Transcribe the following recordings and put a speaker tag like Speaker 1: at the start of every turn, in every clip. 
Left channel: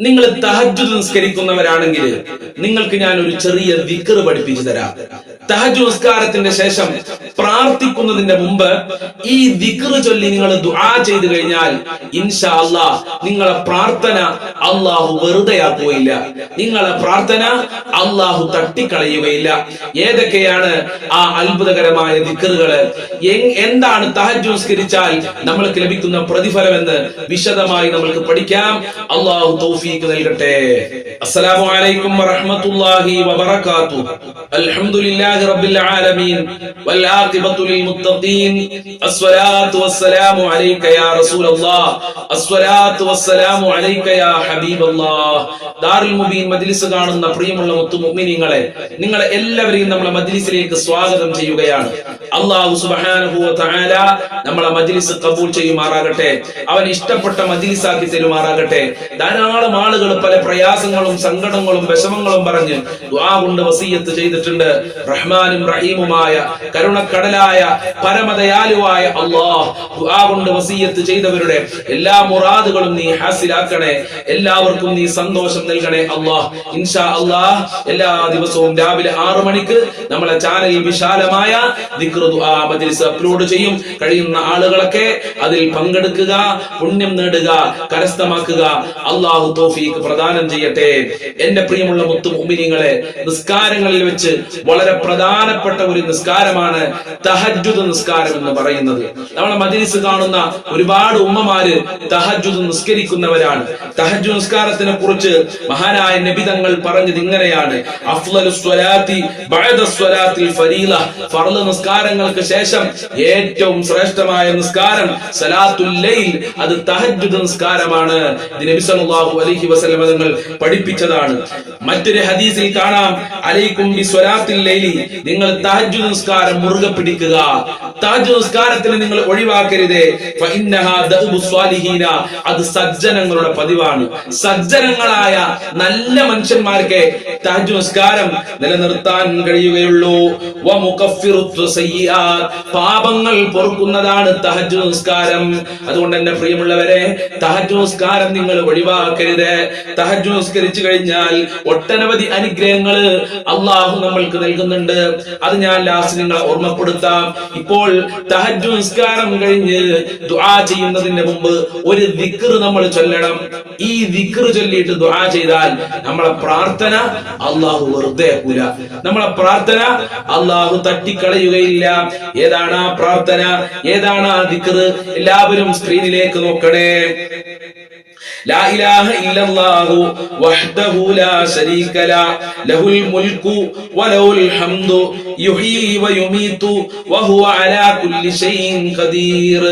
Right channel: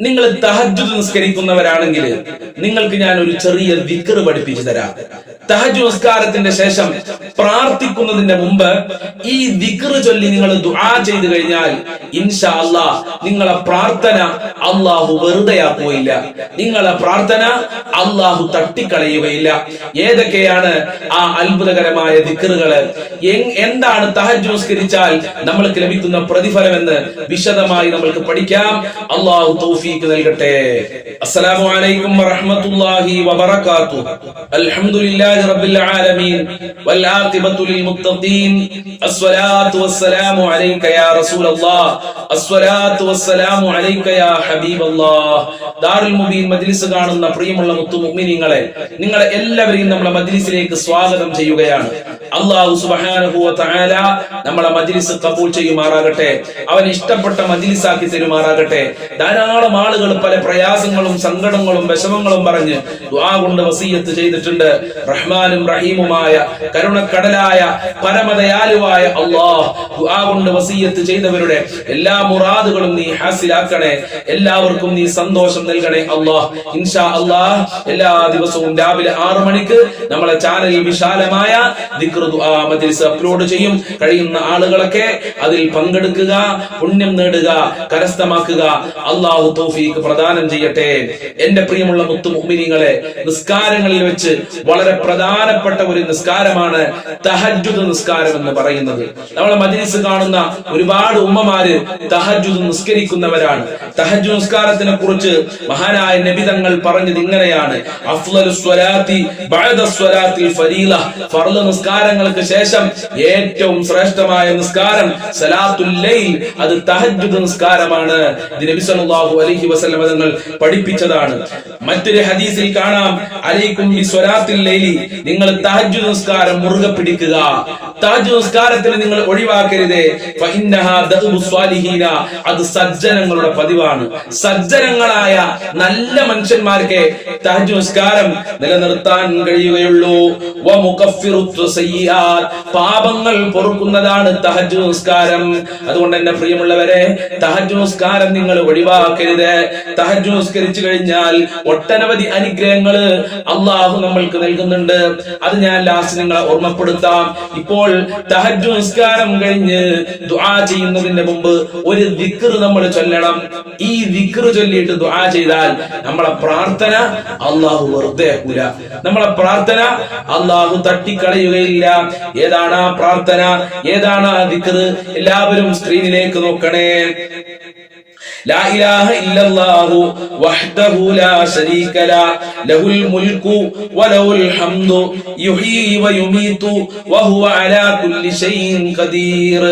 Speaker 1: നിങ്ങൾ തഹജ്ജുദ് നിസ്കരിക്കുന്നവരാണെങ്കിൽ നിങ്ങൾക്ക് ഞാൻ ഒരു ചെറിയ വിക്കർ പഠിപ്പിച്ചു തരാം. തഹജു നിസ്കാരത്തിന്റെ ശേഷം പ്രാർത്ഥിക്കുന്നതിന്റെ മുമ്പ് ഈ ദിക്റ് ചൊല്ലി നിങ്ങൾ ദുആ ചെയ്തു കഴിഞ്ഞാൽ ഇൻഷാ അല്ലാ നിങ്ങളെ പ്രാർത്ഥന അള്ളാഹു വെറുതെയാക്കുകയില്ല. നിങ്ങളെ പ്രാർത്ഥന അള്ളാഹു തട്ടിക്കളയുകയില്ല. ഏതൊക്കെയാണ് ആ അത്ഭുതകരമായ ദിക്റുകൾ എന്താണ് തഹജു നിസ്കരിച്ചാൽ നമ്മൾക്ക് ലഭിക്കുന്ന പ്രതിഫലം എന്ന് വിശദമായി നമ്മൾക്ക് പഠിക്കാം. അള്ളാഹു തൗഫീക്ക് നൽകട്ടെ. അസ്സലാമു അലൈക്കും വറഹ്മത്തുള്ളാഹി വബറകാതുഹു. അൽഹംദുലില്ലാഹി റബ്ബിൽ ആലമീൻ വൽ للمتقين الصلاة മുത്തഖീൻ അസ്സലാത്തു വസ്സലാമു അലൈക യാ റസൂലല്ലാഹ് അസ്സലാത്തു വസ്സലാമു അലൈക യാ ഹബീബല്ലാഹ് ദാറുൽ മുബീൻ മജ്ലിസ് കാണുന്ന പ്രിയമുള്ള മുത്തു മുഅ്മിനീങ്ങളെ നിങ്ങളെ എല്ലാവരെയും നമ്മളെ മജ്ലിസിലേക്ക് സ്വാഗതം ചെയ്യുകയാണ്. അള്ളാഹു സുബ്ഹാനഹു വ തആല നമ്മളെ മജ്ലിസ് കബൂൾ ചെയ്യുമാറാകട്ടെ അവൻ ഇഷ്ടപ്പെട്ട മജ്ലിസാക്കി തരുമാറാകട്ടെ ധാരാളം ആളുകൾ പല പ്രയാസങ്ങളും സങ്കടങ്ങളും വിഷമങ്ങളും പറഞ്ഞ് ദുആ കൊണ്ട് വസീയത്ത് ചെയ്തിട്ടുണ്ട്. റഹ്മാനും റഹീമുമായ കരുണക്കടലായ പരമദയാലുവായ അള്ളാഹ് ദുആ കൊണ്ട് വസീയത്ത് ചെയ്തവരുടെ എല്ലാ മുറാദുകളും നീ ഹാസിലാക്കണേ എല്ലാവർക്കും നീ സന്തോഷം നൽകണേ അള്ളാഹ് ഇൻഷാ അള്ളാഹ് എല്ലാ ദിവസവും രാവിലെ ആറു മണിക്ക് നമ്മളെ ചാനലിൽ വിശാലമായ ദിക്ർ മജ്ലിസ് അപ്ലോഡ് ചെയ്യും. കഴിയുന്ന ആളുകളൊക്കെ അതിൽ പങ്കെടുക്കുക പുണ്യം നേടുക കരസ്ഥമാക്കുക. അള്ളാഹു തോഫീക്ക് പ്രദാനം ചെയ്യട്ടെ. എന്റെ പ്രിയമുള്ള മുത്തു മുഅ്മിനീങ്ങളെ നിസ്കാരങ്ങളിൽ വെച്ച് വളരെ പ്രധാനപ്പെട്ട ഒരു നിസ്കാരമാണ് തഹജ്ജുദ് നിസ്കാരം എന്ന് പറയുന്നത്. നമ്മളെ മജ്ലിസ് കാണുന്ന ഒരുപാട് ഉമ്മമാര് തഹജ്ജുദ് നിസ്കരിക്കുന്നവരാണ്. തഹജ്ജു നിസ്കാരത്തിനെ കുറിച്ച് മഹാനായ നബി തങ്ങൾ പറഞ്ഞത് ഇങ്ങനെയാണ്. അഫ്ളലു സ്വലാത്തി ഫരീല. ഫർൾ നിസ്കാരങ്ങൾക്ക് ശേഷം ഏറ്റവും ശ്രേഷ്ഠമായ നിസ്കാരം സലാത്തുൽ ലൈൽ. അത് തഹജ്ജുദ് നിസ്കാരമാണ്. നബി സല്ലല്ലാഹു അലൈഹി വസല്ലം തങ്ങൾ പഠിപ്പിച്ചതാണ്. മറ്റൊരു ഹദീസിൽ കാണാം. അലൈക്കും ബി ലൈലി. നിങ്ങൾ തഹജ്ജുദ് നിസ്കാരം മുറുകെ പിടിക്കുക. തഹജ്ജുദ് നിസ്കാരത്തിന് നിങ്ങൾ ഒഴിവാക്കരുത്. അത് സജ്ജനങ്ങളുടെ പതിവാണ്. സജ്ജനങ്ങളായ നല്ല മനുഷ്യന്മാർക്ക് താജ് നിസ്കാരം നിലനിർത്താൻ കഴിയുകയുള്ളൂ. പാപങ്ങൾ പൊറുക്കുന്നതാണ് തഹജ് നിസ്കാരം അതുകൊണ്ട് തന്നെ പ്രിയമുള്ളവരെ തഹജ് നിസ്കാരം നിങ്ങൾ ഒഴിവാക്കരുത്. തഹജ് നിസ്കരിച്ചു കഴിഞ്ഞാൽ ഒട്ടനവധി അനുഗ്രഹങ്ങൾ അള്ളാഹു നമ്മൾക്ക് നൽകുന്നുണ്ട്. അത് ഞാൻ ലാസ്റ്റ് നിങ്ങളെ ഓർമ്മപ്പെടുത്താം. ഇപ്പോൾ തഹജ്ജുദ് നിസ്കാരം കഴിഞ്ഞ് ദുആ ചെയ്യുന്നതിന് മുമ്പ് ഒരു ദിക്ർ നമ്മൾ ചൊല്ലണം. ഈ ദിക്ർ ചൊല്ലിയിട്ട് ദുആ ചെയ്താൽ നമ്മളെ പ്രാർത്ഥന അള്ളാഹു വെറുതെ ആക്കൂല. നമ്മളെ പ്രാർത്ഥന അള്ളാഹു തട്ടിക്കളയുകയില്ല. ഏതാണ് ആ പ്രാർത്ഥന? ഏതാണ് ആ ദിക്ർ എല്ലാവരും സ്ക്രീനിലേക്ക് നോക്കണേ. ലാ ഇലാഹ ഇല്ലല്ലാഹു വഹ്ദഹു ലാ ശരീക ലാ ലഹുൽ മുൽക്കു വലഹുൽ ഹംദു യുഹീ വയുമീതു വഹുവ അലാ കുല്ലി ഷൈഇൻ ഖദീർ.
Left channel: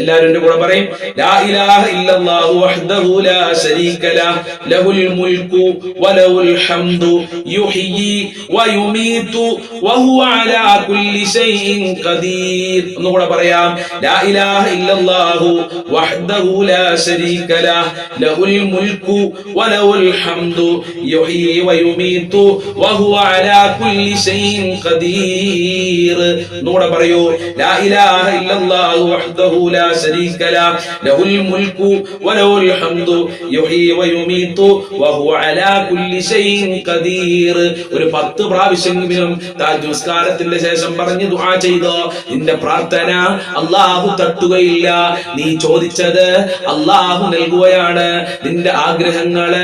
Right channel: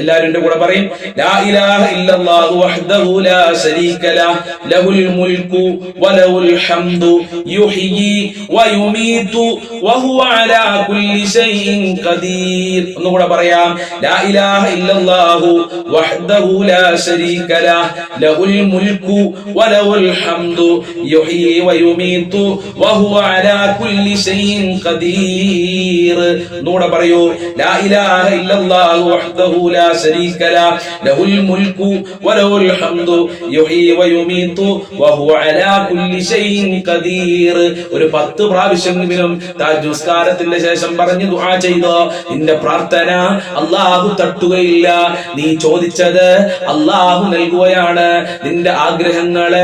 Speaker 1: എല്ലാവരും എന്റെ കൂടെ പറയും ലാ ഇലാഹ ഇല്ലല്ലാഹു വഹ്ദഹു ലാ ശരീക ലാ ലഹുൽ മുൽക്കു വലഹുൽ ഹംദു യുഹീ വയുമീതു വഹുവ അലാ കുല്ലി ഷൈഇൻ ഖദീർ. ഒന്നുകൂടെ പറയാം ലാ ഇലാഹ ഇല്ലല്ലാഹു വഹ്ദഹു ലാ ശരീക ലഹുൽ മുൽക്കു വലഹുൽ ഹംദു യുഹ്യി വയുമീതു വഹുവ അലാ കുല്ലി ഷൈഇൻ ഖദീർ. ഒന്നുകൂടെ പറയൂ. ലാ ഇലാഹ ഇല്ലല്ലാഹു വഹ്ദഹു ലാ ശരീക ലഹ് ലഹുൽ മുൽക്കു വലഹുൽ ഹംദു യുഹ്യി വയുമീതു വഹുവ അലാ കുല്ലി ഷൈഇൻ ഖദീർ. ഒരു പത്ത് പ്രാവശ്യമെങ്കിലും താജ് നിസ്കാരത്തിന്റെ ശേഷം പറഞ്ഞു ദുആ ചെയ്തോ നിന്റെ പ്രാർത്ഥന അല്ലാഹു തട്ടുകയില്ല. നീ ചോദിച്ചത് അല്ലാഹു നൽകുകയാണ് നിന്റെ ആഗ്രഹങ്ങൾ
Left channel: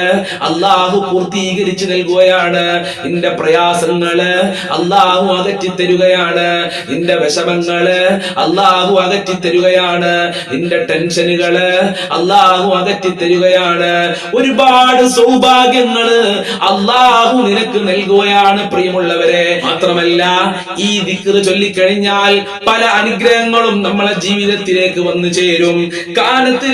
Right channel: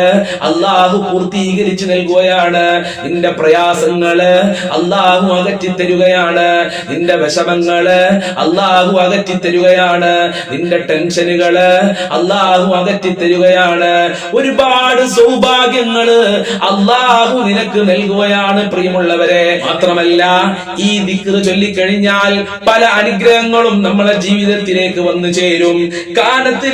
Speaker 1: അള്ളാഹു പൂർത്തീകരിച്ചു നൽകുകയാണ്. നിന്റെ പ്രയാസങ്ങൾ അള്ളാഹു അകറ്റി തരുകയാണ് നിന്റെ വിഷമങ്ങൾ അള്ളാഹു അകറ്റി തരുകയാണ് നിന്റെ ടെൻഷനുകൾ അള്ളാഹു അകറ്റി തരുകയാണ് ഒരുപാട് സൗഭാഗ്യങ്ങൾ അള്ളാഹു നിനക്ക് നൽകുകയാണ് പ്രിയമുള്ളവരെ. മാത്രമല്ല ഈ ദിക്കറ് ചൊല്ലിക്കഴിഞ്ഞാൽ പല അനുഗ്രഹങ്ങളും നമ്മളെ ജീവിതത്തിലേക്ക് വന്നു ചേരും. കാനത്ത്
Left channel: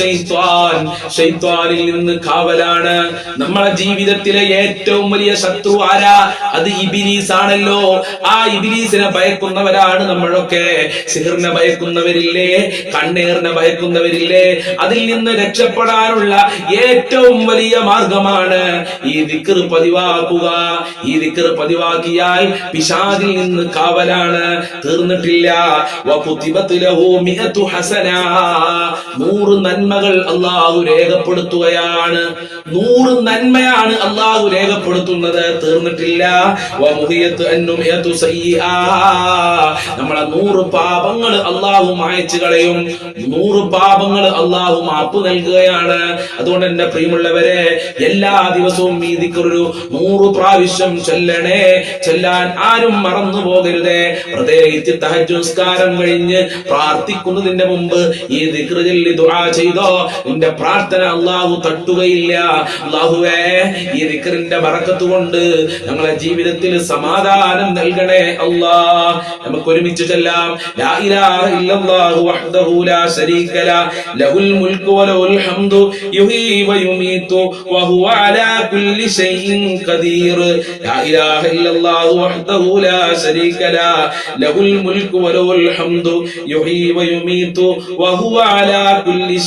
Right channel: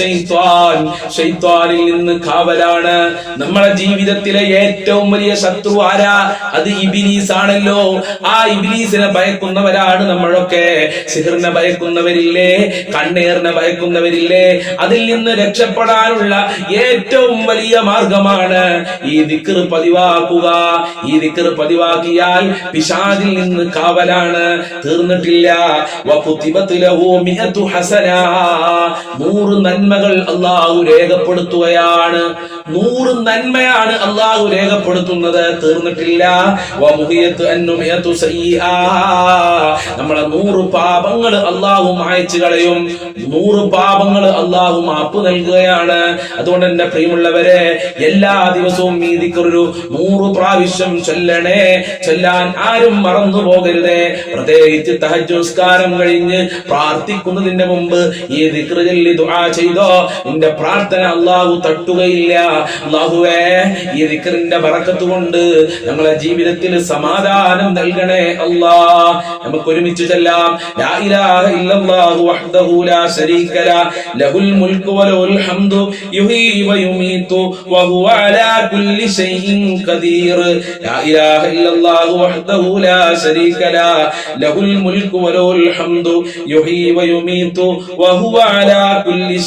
Speaker 1: ശൈത്വാനിൽ നിന്ന് കാവലാണ്. നമ്മളെ ജീവിതത്തിലെ ഏറ്റവും വലിയ ശത്രു ആരാ? അത് ഇബിലീസ് ആണല്ലോ ആ ഇബിലീസിനെ ഭയക്കുന്നവരാണ് നമ്മളൊക്കെ. സിഹിറിനെ ഭയക്കുന്നവരില്ലേ? കണ്ണേറിനെ ഭയക്കുന്നവരില്ലേ? അതിൽ നിന്ന് രക്ഷപ്പെടാനുള്ള ഏറ്റവും വലിയ മാർഗമാണ് ഈ ദിക്ർ പതിവാക്കുക. ഈ ദിക്ർ പതിവാക്കിയാൽ പിശാദിൽ നിന്ന് കാവലാണ്. തീർന്നിട്ടില്ല. നൂറ് നന്മ നന്മകൾ അള്ളാഹു രേഖപ്പെടുത്തുകയാണ്. നൂറ് നന്മയാണ് അള്ളാഹു രേഖപ്പെടുത്തുന്നത്. തീർന്നിട്ടില്ല. നമ്മളെ നൂറ് പാപങ്ങൾ അള്ളാഹു മായച്ചു കളയും. നൂറ് പാപങ്ങൾ അള്ളാഹു മാപ്പ് നൽകുകയാണ്. അതുകൊണ്ട് എന്റെ പ്രിയമുള്ളവരെ എല്ലാ ദിവസവും ഈ നൂറ് പ്രാവശ്യം ചൊല്ലണേ. ചൊല്ലാൻ ആരും മറന്നു പോകരുതേ. പ്രത്യേകിച്ച് തഹജുസ്കാരം കഴിഞ്ഞ് പ്രാർത്ഥിക്കുന്നതിന്റെ മുമ്പ് ഈ ദിക്ർ ചൊല്ലി ദുആ ചെയ്തോ? നിന്റെ പ്രാർത്ഥന അള്ളാഹു തട്ടുകയില്ല. അള്ളാഹുവേ ഈ ദിക്റിന്റെ വറക്കത്ത് കൊണ്ട് ഞങ്ങളെ ജീവിതത്തിൽ സമാധാനം നൽകണേ അല്ലാ. നമുക്ക് ഒരുമിച്ച് ചെല്ലാം. ലാ ഇലാഹ ഇല്ലല്ലാഹു വഹ്ദഹു ലാ ലഹുൽ അലാ കുല്ലി ഖദീർ. ലാ ഇലാഹ ഇല്ലല്ലാഹു ലാ ലഹുൽ അലാ കുല്ലി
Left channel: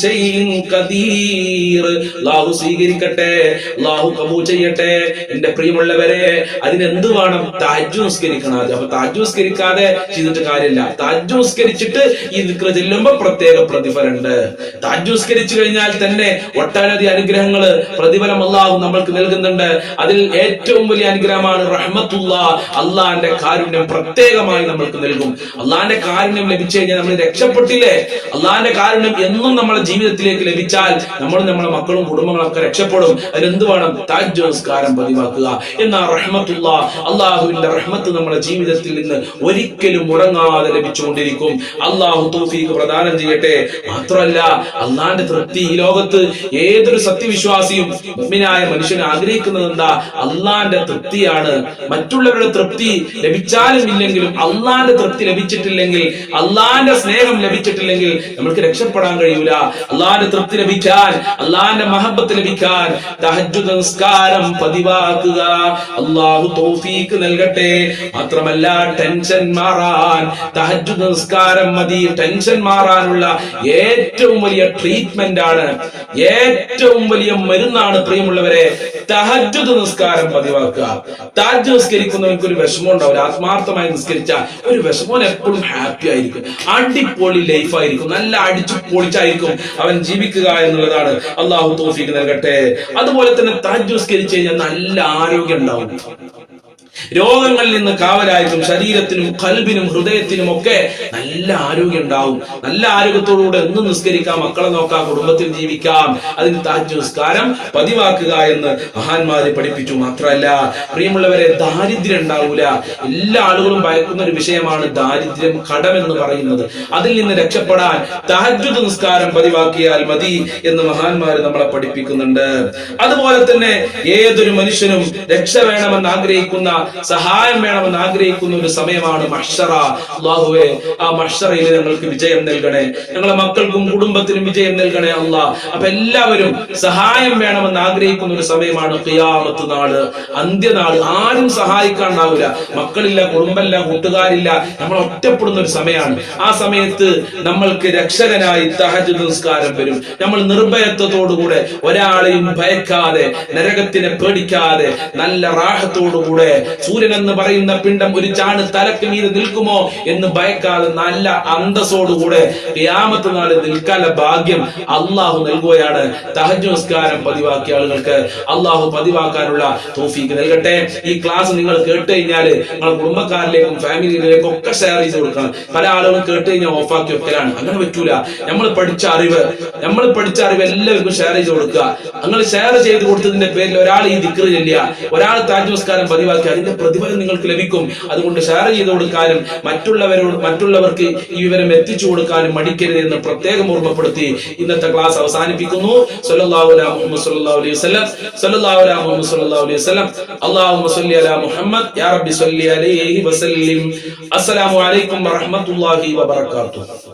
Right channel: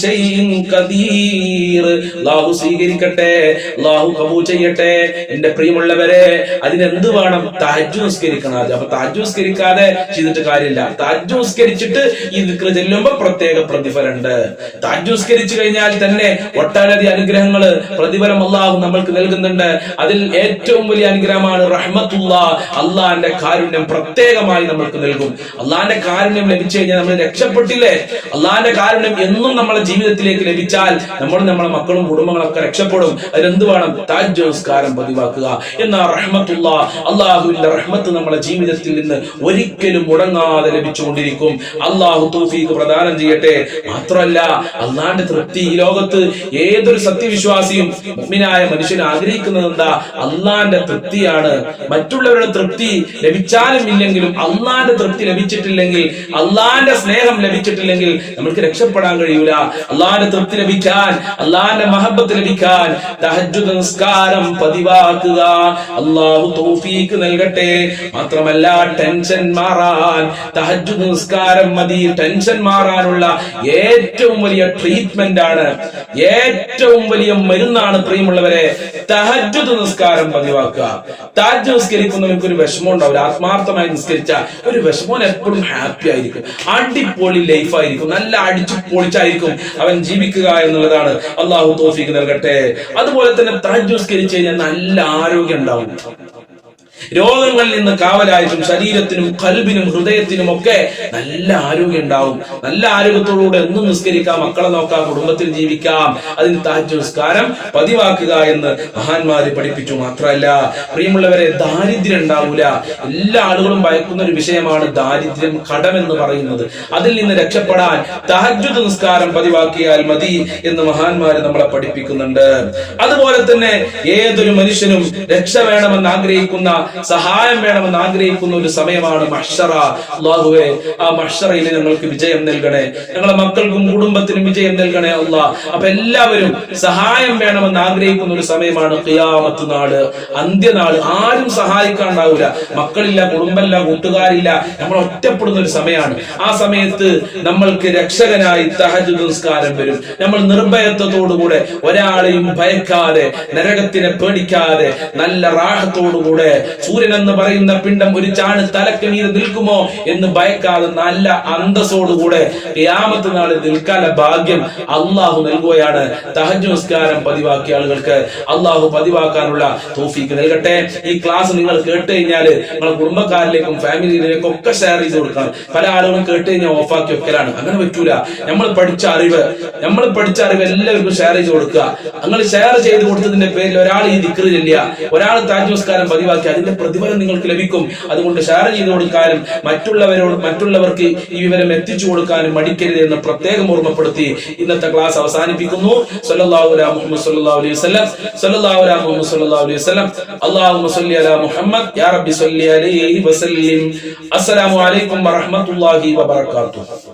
Speaker 1: ഖദീർ. അല്ലാഹു സ്വീകരിക്കട്ടെ അല്ലാഹു കബൂ ചെയ്യട്ടെ. എന്റെ പ്രിയമുള്ളവരെ അതിനെന്ത് വേണം? താജ് നിസ്കരിക്കണം അത് അപ്പൊ താജ് നിസ്കരിക്കാതെ ചെയ്തിട്ട് കാര്യമില്ല. താജ് നിസ്കരിച്ചിട്ട് ഈ ദിക്ർ ചെല്ലുമ്പോ പ്രത്യേക പ്രതിഫലമുണ്ട്. താജ് നിസ്കരിച്ചു കഴിഞ്ഞാൽ തന്നെ ഒട്ടനവധി അനുഗ്രഹങ്ങൾ പ്രതിഫലം അള്ളാഹു നമ്മൾക്ക് നൽകുന്നുണ്ട്. അതിൽ ഏറ്റവും വലിയ അനുഗ്രഹമാണ് റഹ്മത്തുള്ള അള്ളാന്റെ കാരുണ്യം പ്രത്യേകമായി നമ്മൾക്ക് നൽകും. അള്ളാന്റെ കാരുണ്യം ലഭിച്ചു കഴിഞ്ഞാൽ നമ്മൾ രക്ഷപ്പെട്ടില്ലേ? അള്ളാന്റെ കാരുണ്യം എന്നും നമ്മളെ ജീവിതത്തിലേക്ക് ലഭിച്ചാൽ നമ്മളും നമ്മളെ മക്കളും കുടുംബങ്ങളൊക്കെ രക്ഷപ്പെടും. അതിനെന്ത് വേണം? താജ് നമസ്കാരം പതിവാക്കുക. എന്നാ റഹ്മത്തുള്ള അള്ളാഹുവിന്റെ റഹ്മത്ത് നമ്മുടെ ജീവിതത്തിൽ നിന്ന് ഒരിക്കലും മുടങ്ങാതെ ലഭിച്ചുകൊണ്ടിരിക്കും. അള്ളാഹു തൗഫീഖ് പ്രദാനം ചെയ്യട്ടെ. മാത്രമല്ല അള്ളാന്റെ തൃപ്തി ഈ ലോകത്ത് ഏതൊരു സത്യവിശ്വാസിയും മുഅ്മിനായ മനുഷ്യൻ ആഗ്രഹിക്കുന്നത് എന്താ? അള്ളാന്റെ തൃപ്തിയാണ്. മറ്റുള്ളവരുടെ തൃപ്തി ലഭിച്ചാലും ഇല്ലെങ്കിലും അള്ളാന്റെ തൃപ്തി ലഭിച്ചിട്ടില്ലെങ്കിൽ അള്ളാന്റെ സ്നേഹം ലഭിച്ചിട്ടില്ലെങ്കിൽ നമ്മൾക്ക് രക്ഷപ്പെടാൻ കഴിയൂല. അള്ളാന്റെ തൃപ്തി ലഭിക്കാൻ അള്ളാന്റെ മഹബത്ത് ലഭിക്കാൻ തഹജ്ജുദ് നിസ്കാരം പതിവാക്കുക. അള്ളാഹു തോഫീക്ക് നൽകട്ടെ. മാത്രമല്ല ടെൻഷൻ മാറാൻ തഹജ്ജുദ് നിസ്കാരം മതി. ടെൻഷൻ മാറാനുള്ള ഏറ്റവും വലിയ ട്രീറ്റ്മെന്റ് ആണ്. ഏറ്റവും വലിയ മരുന്നാണ് പ്രിയമുള്ളവരെ തഹജ്ജുദ് നിസ്കാരം പതിവാക്കുക. താജ് നിസ്കരിക്കുന്നവർക്ക് ഒരു വിഷമം ഉണ്ടാവില്ല. ആത്മാർത്ഥമായി നിസ്കരിച്ച ഒരു വിഷമം എപ്പോഴും ഹാപ്പി ആയിരിക്കും. അടിപൊളി ലൈഫായിരിക്കും നല്ല അടിച്ചു പൊളിച്ചായിരിക്കും. അവൻ ജീവിക്കുക എന്നുള്ളതാണ്. അള്ളാഹു തോഫിക്ക് നൽകട്ടെ. അതുപോലെ തന്നെ താജ്ജുസ്കരിച്ച് കഴിഞ്ഞാൽ നല്ല ആരോഗ്യം ഉണ്ടാവും. രോഗങ്ങളിൽ നിന്ന് കാവലായിട്ടും ശരീരത്തിനും കൽബിനും ഹൃദയത്തിനും ഒക്കെ നല്ല ആരോഗ്യം ഉണ്ടാവും. നല്ല ആരോഗ്യത്തോടുകൂടെ എന്നും നിസ്കരിക്കാം മക്കളെ നോക്കാം കുടുംബത്തിൽ ജീവിക്കാം. അതിന് താജ് നിസ്കാരം പതിവാക്കുക എന്ന് മഹാന്മാര് പഠിപ്പിച്ചു. മാത്രമല്ല പ്രിയമുള്ളവരെ ദാരിദ്ര്യം ഉണ്ടാവൂല. എല്ലാ ആളുകളും ഭയക്കുന്ന ഒരു വിഷയമാണ് ദാരിദ്ര്യം കടമെന്ന് പറയുന്നത്. അതിൽ നിന്ന് രക്ഷപ്പെടാൻ തഹജ്ജുദ് നിസ്കാരം പതിവാക്കിയാൽ മതി എന്ന് മഹാന്മാര് നമ്മളെ പഠിപ്പിക്കുന്നുണ്ട്. അതുപോലെ തന്നെ ഏതൊരു മനുഷ്യനും രക്ഷ വേണമെന്ന് ആഗ്രഹിക്കുന്ന സഹായം വേണമെന്ന് ആഗ്രഹിക്കുന്ന ഒരു സമയമാണ് മഷറ അള്ളാഹുവെ ആ മഷറയിൽ ഞങ്ങൾക്ക് വിജയം നൽകണേ. ഞങ്ങളെ മക്കൾക്കും കുടുംബത്തിനും വിജയം നൽകണേ അള്ളാഹ് അപ്പൊ എല്ലാവരും സഹായം വേണമെന്ന് ആഗ്രഹിക്കുന്ന ഒരു സമയമാണ് ഖിയാമത്ത് നാട് അന്ത്യനാട് ആരും സഹായിക്കാണ്ടാവൂല. മക്കളില്ല കുടുംബമില്ല കൂട്ടുകാരില്ല. നമ്മൾ ഒറ്റപ്പെടുന്ന ഒരു സമയമാണ്. ആ സമയത്ത് നമ്മൾക്ക് രക്ഷകനായി തഹജ് നിസ്കാരം വരും. നമ്മൾ നിർഭയത്വത്തോടുകൂടെ ഒരാളെയും ഭയക്കാതെ നരകത്തിനെ പേടിക്കാതെ നല്ല റാഹത്തോടുകൂടെ സൂര്യൻ എന്ന് പറയുന്ന പിണ്ടം ഒരു ചാണ് തലക്ക് മീതെ നിൽക്കുമോ എന്ന് ഭയക്കാതെ നല്ല അന്തസ്സോടുകൂടെ ഖിയാമത്ത് നാളിൽ നിൽക്കാനുള്ള ഭാഗ്യം അള്ളാഹു നൽകുകയാണ്. തഹജ് നമസ്കാരം പതിവാക്കിയ ആളുകൾക്ക് അള്ളാഹു പതിവാക്കാനുള്ള തോഫീക്ക് നൽകട്ടെ. ഈ ക്ലാസ് നിങ്ങൾ കേട്ട് കഴിഞ്ഞാൽ നിങ്ങളുടെ കുടുംബക്കാരിലേക്കും ഫാമിലിയിലേക്കും ഒക്കെ ഷെയർ ചെയ്ത് കൊടുക്കണം. പല ആളുകളും കേട്ട് കഴിഞ്ഞാൽ ഓഫാക്കി വെക്കലാണ്. അങ്ങനെ പറ്റൂല. നമ്മൾ പഠിച്ച അറിവ് നമ്മൾ പഠിച്ച അറിവ് എല്ലാവർക്കും ഷെയർ ചെയ്ത് കൊടുക്കുക. അങ്ങനെ ഷെയർ ചെയ്ത് കൊടുത്തതിന്റെ പേരിൽ ഒരാൾ ഈ ദിക്റ് ചെല്ലുക. ഒരാൾ താജ് നമസ്കാരം പതിവാക്കി അതിന്റെ പ്രതിഫലം നിങ്ങൾക്ക് ലഭിക്കും. അതുകൊണ്ട് ഷെയർ ചെയ്ത് കൊടുക്കാനും മറ്റുള്ളവരോട് മറ്റുള്ളവർക്ക് ഈ വിവരം എത്തിച്ചു കൊടുക്കാനും മടിക്കരുത് എന്ന് പ്രത്യേകം ഓർമ്മപ്പെടുത്തി ഇന്നത്തെ ക്ലാസ് അവസാനിപ്പിക്കുന്നു. മുഹമ്മദ് സല്ലല്ലാഹു അലൈഹി വസല്ലം. സല്ലല്ലാഹു അലൈഹി വസല്ലം. അല്ലാഹുമ്മ സല്ലി അലാ യാ റബ്ബി സല്ലി അലൈഹി വസല്ലിം. അസ്സലാമു അലൈക്കും വറഹ്മത്തുള്ളാഹി വബറകാതുഹു.